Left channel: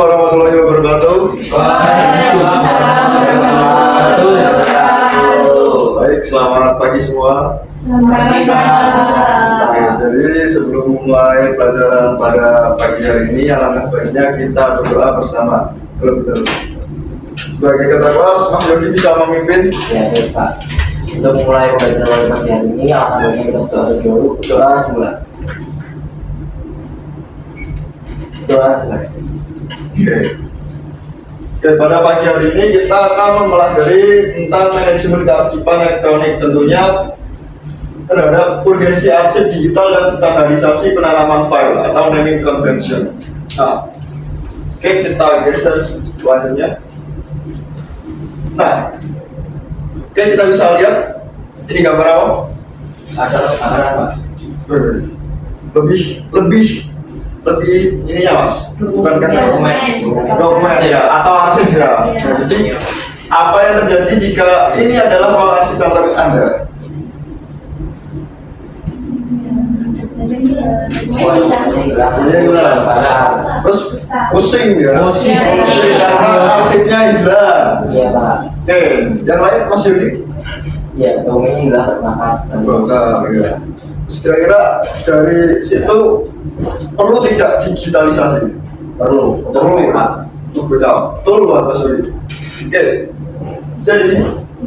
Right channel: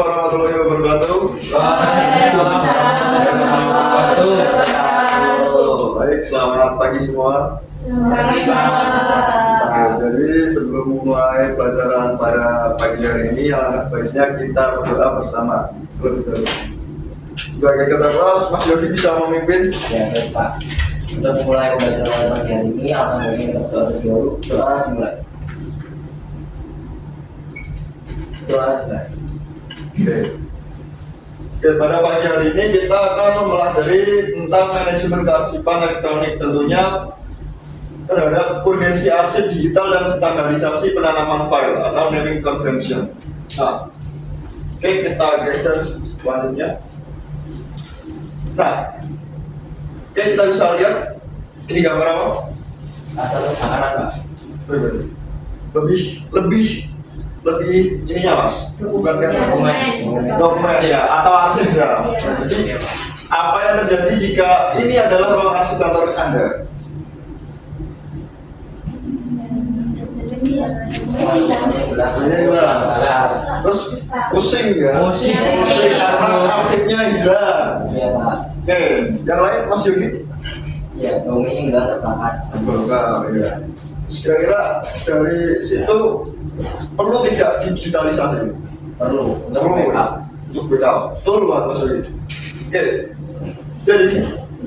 warahmatullahi wabarakatuh. Waalaikumsalam warahmatullahi wabarakatuh. Baik, selamat pagi semua. Selamat pagi. Jadi sebelum mulai pelajaran pada pagi hari ini, alangkah baiknya kita berdoa bersama. Betul. Sebagai ketua kelas, Mas Yogi bisa memimpin. Ya, baik Pak. Untuk mulai pelajaran pagi hari ini, alhamdulillah kita berdoa dulu. Doa dimulai. Doa selesai. Oke. Oke, pada pagi hari ini kita akan mempelajari tentang manajemen kearsipan elektronik, tentunya terhadap urgensi arsip digital dan standarisasi penanaman file atau naming convention. Nah, oke, kita geser selanjutnya. Nah, oke, kita bisa lihat ini gambar apa? Ada makanan Pak. Lebih ininya Mas, bukan kan dokumen ya atau arsip ya. Jadi apa yang terjadi jika ini adalah ruang arsip kantor Anda? Terus pusing ya? Pusing. Karena arsipnya hilang. Iya Pak. Oke, yang lain Mas Yudi? Iya, domainnya hilang terbakar. Terbakar, ya. Terus kira-kira dari situ perlu tidak digitalisasi? Perlu. Untuk backup. Untuk backup. Betul Mas Yudi. Oke, jadi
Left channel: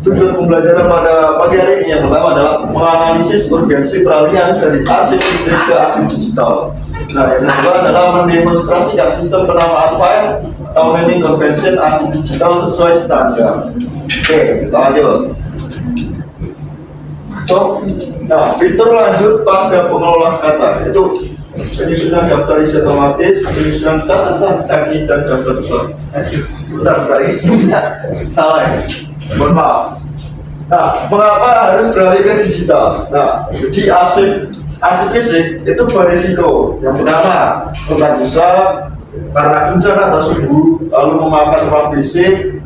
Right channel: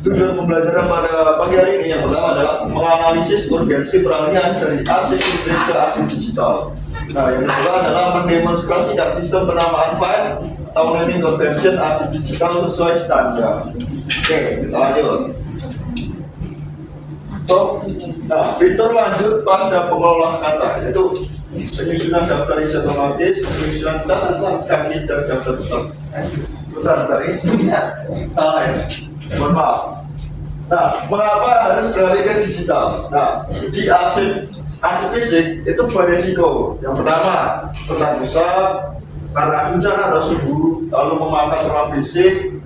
tujuan pembelajaran pada pagi hari ini yang pertama adalah menganalisis urgensi peralihan dari arsip fisik ke arsip digital. Nah, yang kedua adalah mendemonstrasikan sistem penamaan file atau naming convention arsip digital sesuai standar. Oke, kita lanjut. Nah, fitur lanjut pada pengelola kata itu penyusunan daftar isi otomatis, penyusunan catatan kaki dan daftar besar. Bentar, ini sebenarnya salah ya. Mohon maaf. Nah, mengapa harus beralih ke digital? Nah, jadi arsip fisik itu berisiko. Yang pertama, rentan rusak karena bencana atau suhu, lalu memakan ruang fisik,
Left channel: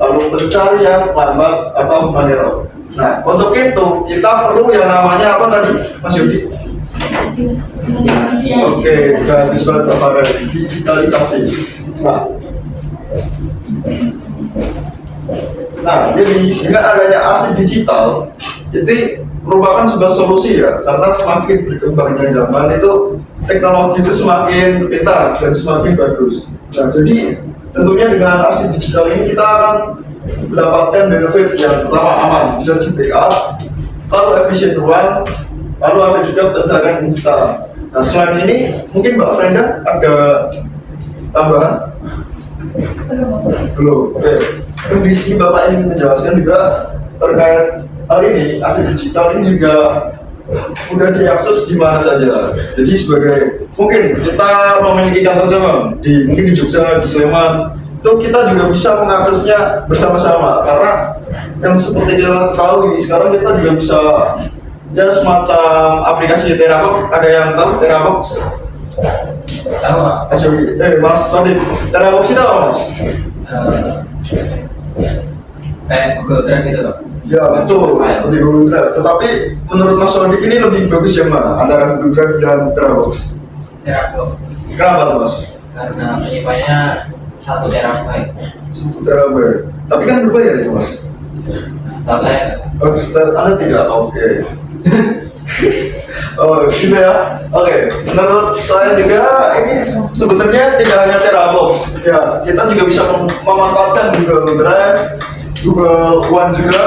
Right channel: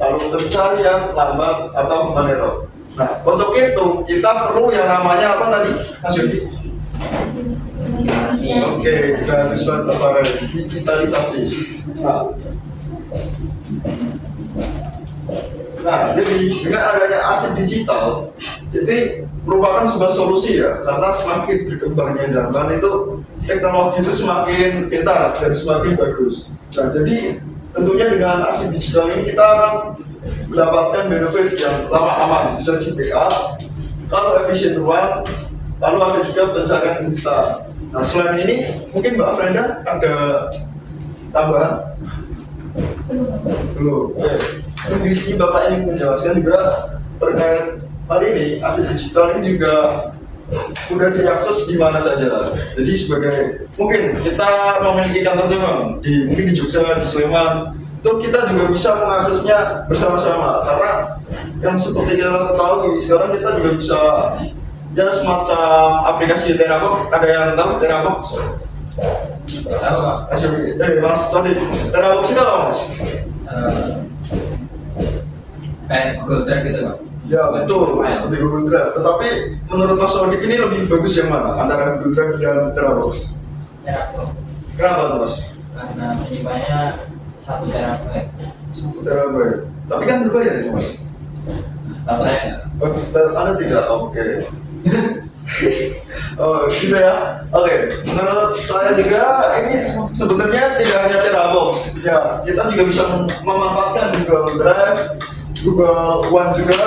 lalu pencarian lambat atau manual. Nah, untuk itu kita perlu yang namanya apa tadi, Mas Yudi? Oke, kita disebut apa? Digitalisasi. Nah, jadi dengan adanya arsip digital, itu merupakan sebuah solusi ya, karena semakin berkembangnya zaman itu teknologi itu semakin pintar dan semakin bagus. Nah, jadi tentunya dengan arsip digital ini kita akan mendapatkan benefit yang pertama aman, bisa di backup, lalu efisien ruang, lalu ada juga pencarian instan. Nah, selain ini mungkin Mbak Frenda ada tambahan? Belum. Oke. Kondisi Bapak ingin menjelaskan juga terkait hal ini, arsip digital ini juga udah diakses di mana saja. Jadi sebagai mungkin kita memiliki kantor cabang mungkin di Jogja, di Sleman, itu kita juga bisa mengaksesnya bersama-sama karena yang seperti kita ketahui sekarang kita juga bisa ya semacam aplikasi Terabox. Ada yang tahu Terabox? Tahu Pak? Mas Sodik, Terabox itu apa Mas? Google Drive gitu Pak? Ya betul, seperti Google Drive. Tetapi menurut Mas Sodik ini lebih bagus yang mana antara Google Drive dan Terabox? Terabox. Kenapa tuh Mas? Karena penyimpanannya 1 terabyte. 1 terabyte. Tapi kan berbayar itu Mas? Setahu saya enggak. Oh, Anda tidak? Oke. Oh, gitu ya. Oke. Menurut saya juga ini sebenarnya tidak hanya Terabox. Ya, kita juga bisa memanfaatkan Google Drive, Google One juga.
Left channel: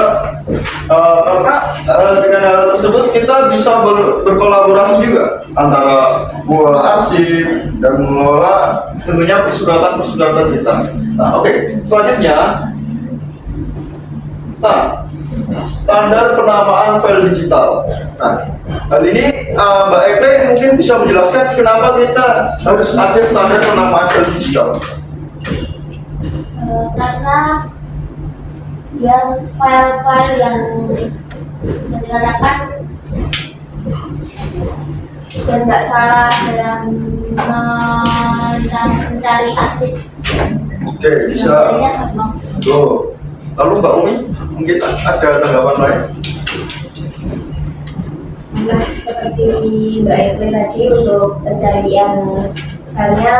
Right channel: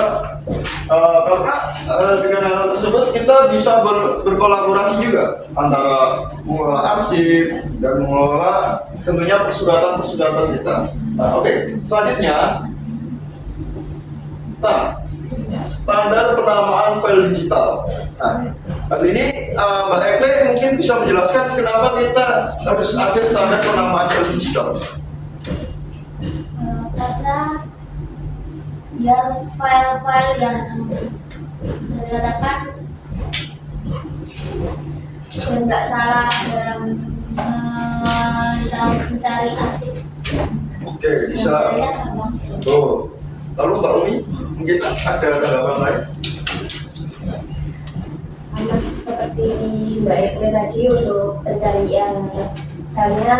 Karena dengan hal tersebut kita bisa berkolaborasi juga antara mengelola arsip dan mengelola tentunya persuratan kita. Nah, oke. Selanjutnya, standar penamaan file digital. Nah, hal ini Mbak Eke mungkin bisa menjelaskan kenapa kita harus ada standar penamaan file digital. Karena biar file-file yang bisa dikatakan biar nggak salah dalam mencari arsip. Oke, bisa. Tuh. Lalu Mbak Umi, mungkin ada tanggapan lain? Sama seperti Mbak Eke tadi, untuk pencarian filenya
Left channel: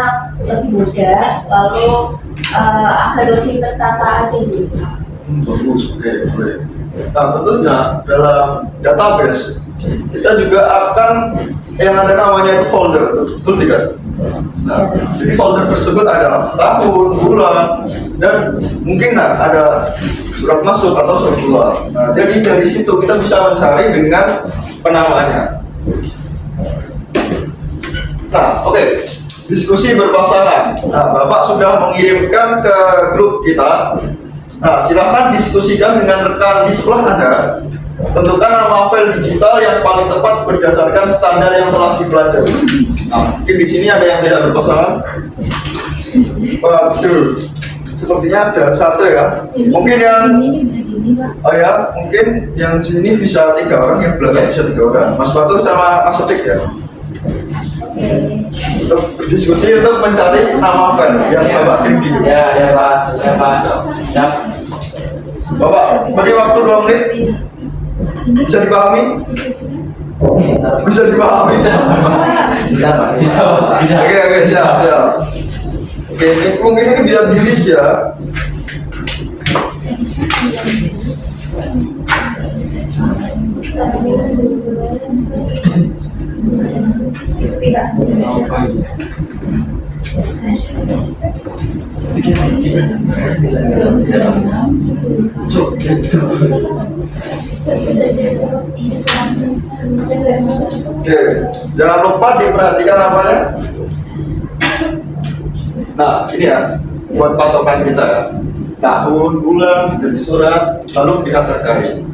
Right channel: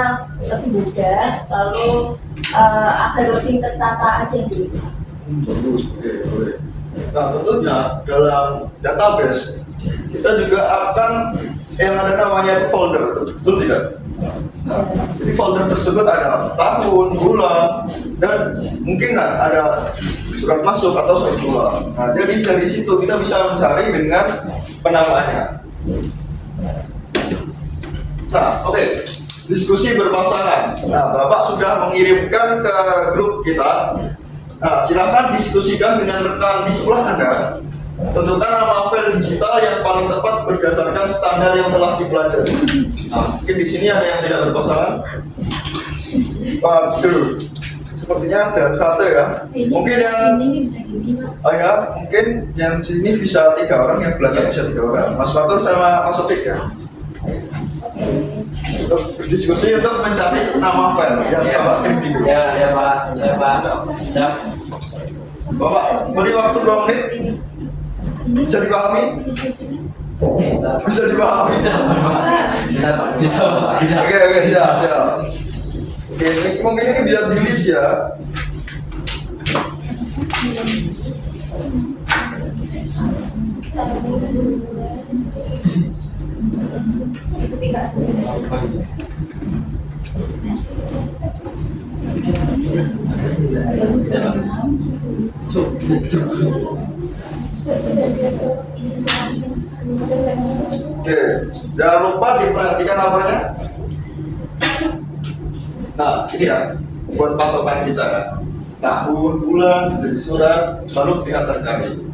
lebih mudah, lalu agar lebih tertata aja sih. Bagus, oke, boleh. Nah, tentunya dalam database kita juga akan yang ada namanya itu folder, betul tidak? Nah, jadi folder tersebut adalah tahun, bulan, dan mungkin ada surat masuk atau surat keluar. Nah, jadi dari situ kita bisa mencari dengan penamaannya. Nah, oke. Diskusi berpasangan. Nah, Bapak sudah mengirimkan ke grup kita. Nah, silakan diskusikan dengan rekan di sebelah Anda. Tentukan nama file digital yang paling tepat berdasarkan standar yang telah dipelajari. Nah, mungkin di sini ada yang tidak berpasangan. Waduh, sepertinya ada satu ya. Mungkin yang ini bisa gini, Pak. oh ya, mungkin yang sini bisa 3 orang, yang belakang bisa 3 orang. Mas Batur sama Mas Sotik ya. Untuk berdiskusi untuk mencari nama file yang Bapak kirim di grup. Ya Pak, ya Pak. Siap. Bapak, beri waktu 2 menit. Bisa dipahami? Bisa dipahami. Bisa, Pak. Bisa, Pak. Bisa, Pak. Bisa. Oke, siap. Oke, ini mungkin ini bisa di-list ya. Oke, jangan lupa diperhatikan namanya. Nah, ini ya, buat patokan kita ya. Tahun, bulan, jadi surat, lalu pihak terkait.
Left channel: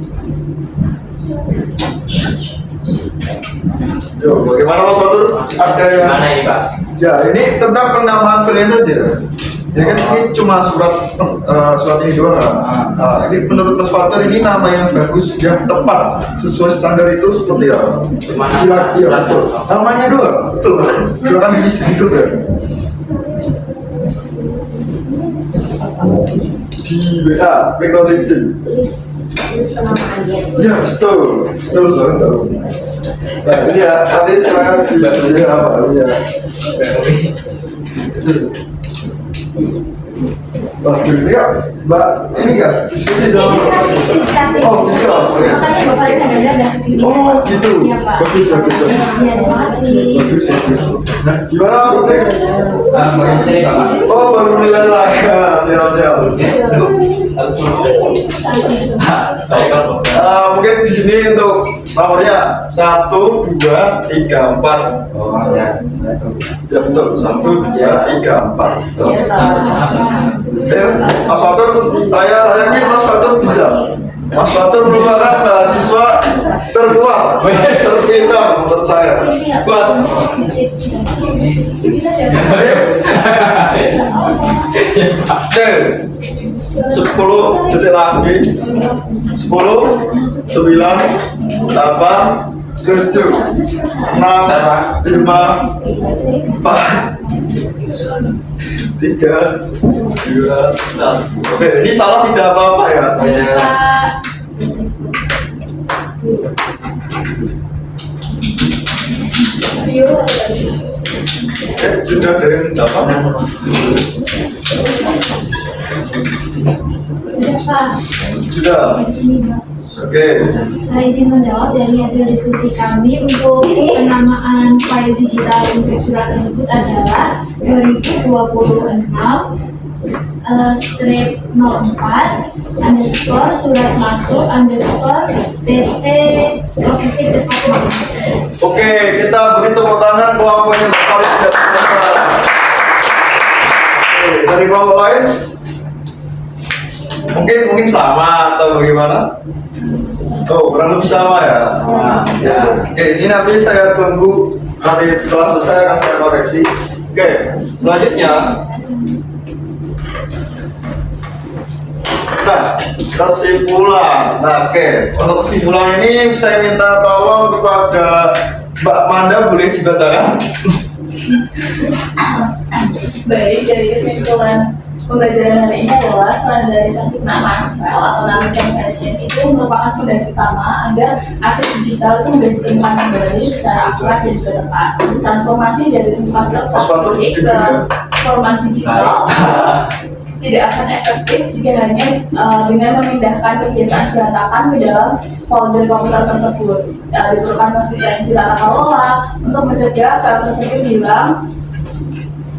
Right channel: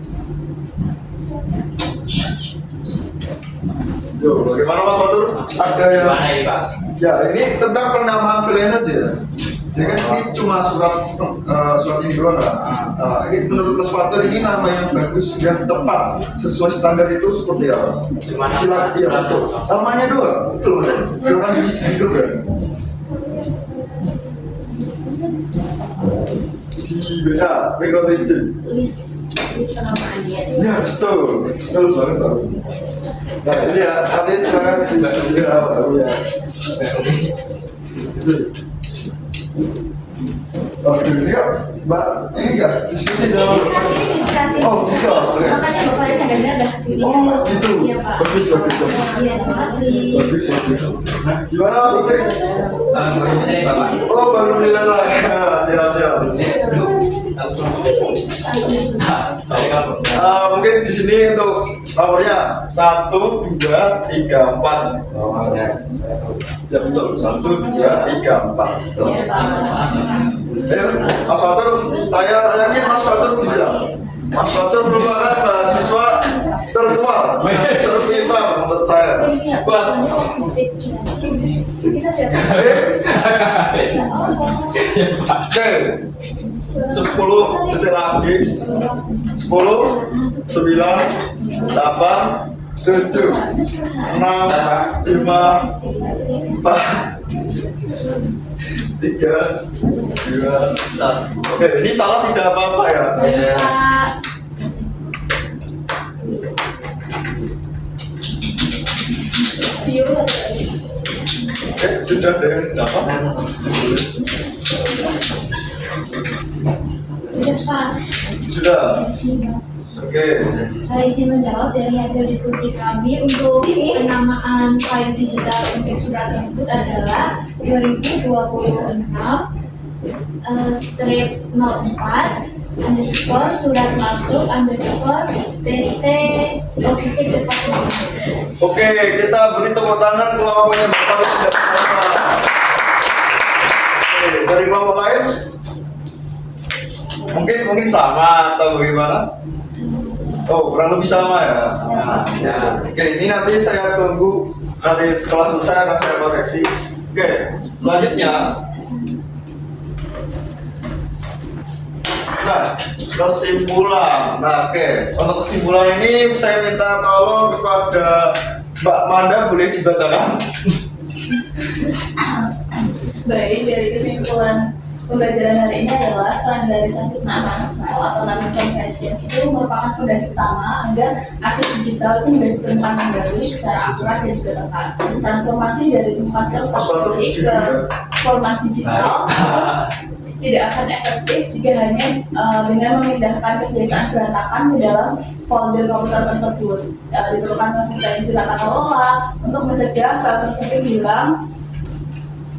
Yo, bagaimana Mas Batur? Ada yang Mana ini Pak? ya ini tentang penamaan file saja. Ya kan ini cuma surat ini doang. Nah, ini menurut Mas Fatur ini nama yang bagus, yang tepat sesuai standar itu seperti apa? Gimana? Silakan, iya, betul. Namanya doang, betul. Silakan di-list hidup ya. Di WA, background engine. List penamaannya. Ya betul banget tahu. Nah ini ya, nanti silakan di apa ya. Waduh, ini ya, Mbak, ini enggak diskusi dong. Diskusi. Oh, diskusi. Makanya Bapak Rika ada kesini. Oh, gitu. Iya, Pak. Bagus. Iya, terima kasih. Bagus. Nah, gimana maksudnya? Baru sini Bapak. Oh, baru menilai saya. Siap. Ya, aduh. Saya kalau Mungkin di sini untuk nomornya 1, 2, 3, 4. oh ya. Ya betul, 1, 2, 3, 4. Betul. Iya, Pak. Ayo, Mas Fatur, saya yakin Mas Fatur bisa. Mas Fatur merupakan mahasiswa terkuat, terpintar menurut saya. Kuat. Bisa ya, Pak? Oke, 10 detik lagi. 10, 9, 8, 7, 6, 5, 4, 3, 2, 1. Oke, ini salah tidak apa-apa ya. Pak. Yuk. Oke, sudah ada yang dapat? Sudah, Pak. Sudah. Di sini, Pak. Oke. Saya izin menjawab dari hasil diskusi kami untuk penamaan file digital untuk surat tersebut adalah 2026 strip 04 underscore surat masuk underscore PT Logistik Departemen. Oke, kita beri tepuk tangan kelompok yang paling sudah selesai. Oke, dari kelompok lain? Mungkin sama atau bagaimana? Oh, kurang lebih sama ya. Ya. Oke, ini nanti saya tunggu, nanti setelah selesai akan saya koreksi. Oke, selanjutnya. Nah, kesimpulan. Nah, oke, untuk kesimpulan ini saya minta tolong kepada Mbak Manda, boleh dibacakan? Baik, dari kesimpulan pembelajaran hari ini adalah standarisasi penamaan file atau naming convention itu merupakan fondasi utama agar aset digital itu menjadi ditemukan kembali secara akurat dan juga tepat. Transformasi dari tempat Mas Fatur, fisik duduk ke ya. format digital tidak akan efektif jika hanya dengan memindahkan kebiasaan berantakan ke dalam folder komputer tersebut. Diperlukan konsistensi tata kelola untuk mencegah file tersebut hilang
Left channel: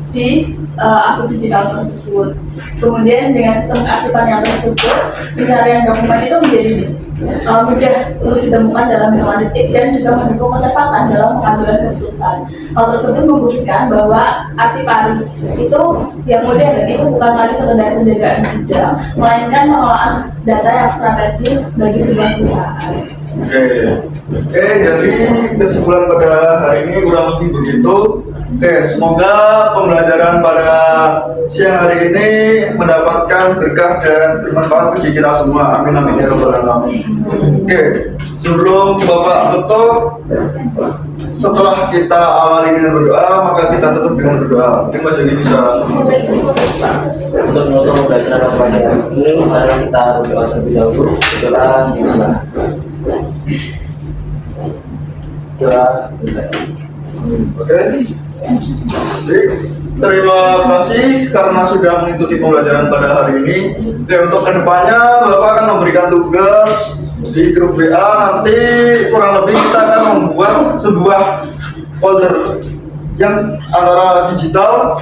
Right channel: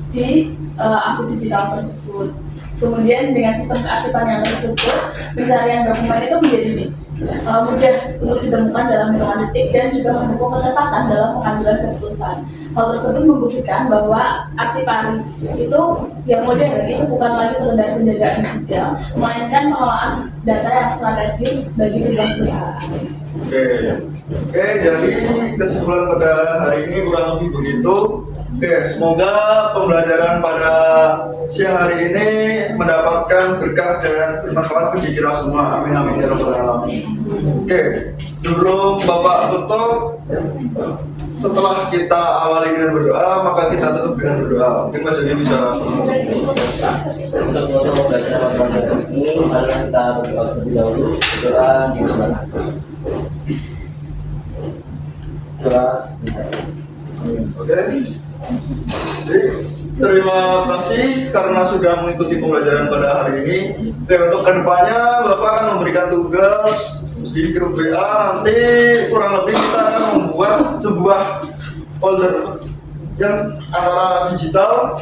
di arsip digital tersebut. Kemudian dengan sistem kearsipan yang tersebut, pencarian dokumen itu menjadi mudah untuk ditemukan dalam hitungan detik dan juga mendukung kecepatan dalam pengambilan keputusan. Hal tersebut membuktikan bahwa arsiparis itu yang modern itu bukan lagi sekedar penjagaan gudang, melainkan pengelolaan data yang strategis bagi sebuah perusahaan. Oke, jadi kesimpulan pada hari ini kurang lebih begitu. Oke, semoga pembelajaran pada siang hari ini mendapatkan berkah dan bermanfaat bagi kita semua. Amin amin ya rabbal alamin. Oke, sebelum Bapak tutup, setelah kita awali dengan berdoa, maka kita tutup dengan berdoa. Mungkin Mas Yoni bisa. Untuk menutup pembelajaran pada hari ini, mari kita berdoa terlebih dahulu. Berdoa dimulai. Doa dimulai. Oke. Jadi, terima kasih karena sudah mengikuti pembelajaran pada hari ini. Oke, untuk kedepannya Bapak akan memberikan tugas di grup WA. Nanti kurang lebih kita akan membuat sebuah folder yang antara digital.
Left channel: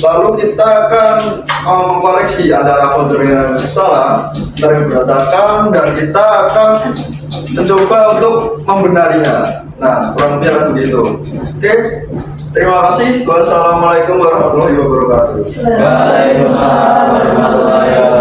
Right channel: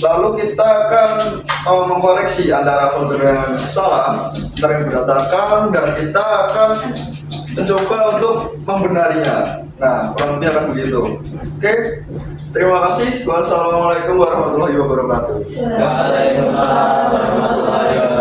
Lalu kita akan mengkoreksi antara folder yang salah, yang berantakan, dan kita akan mencoba untuk membenarinya. Nah, kurang lebih akan begitu. Oke, terima kasih. Wassalamualaikum warahmatullahi wabarakatuh. Waalaikumsalam warahmatullahi wabarakatuh.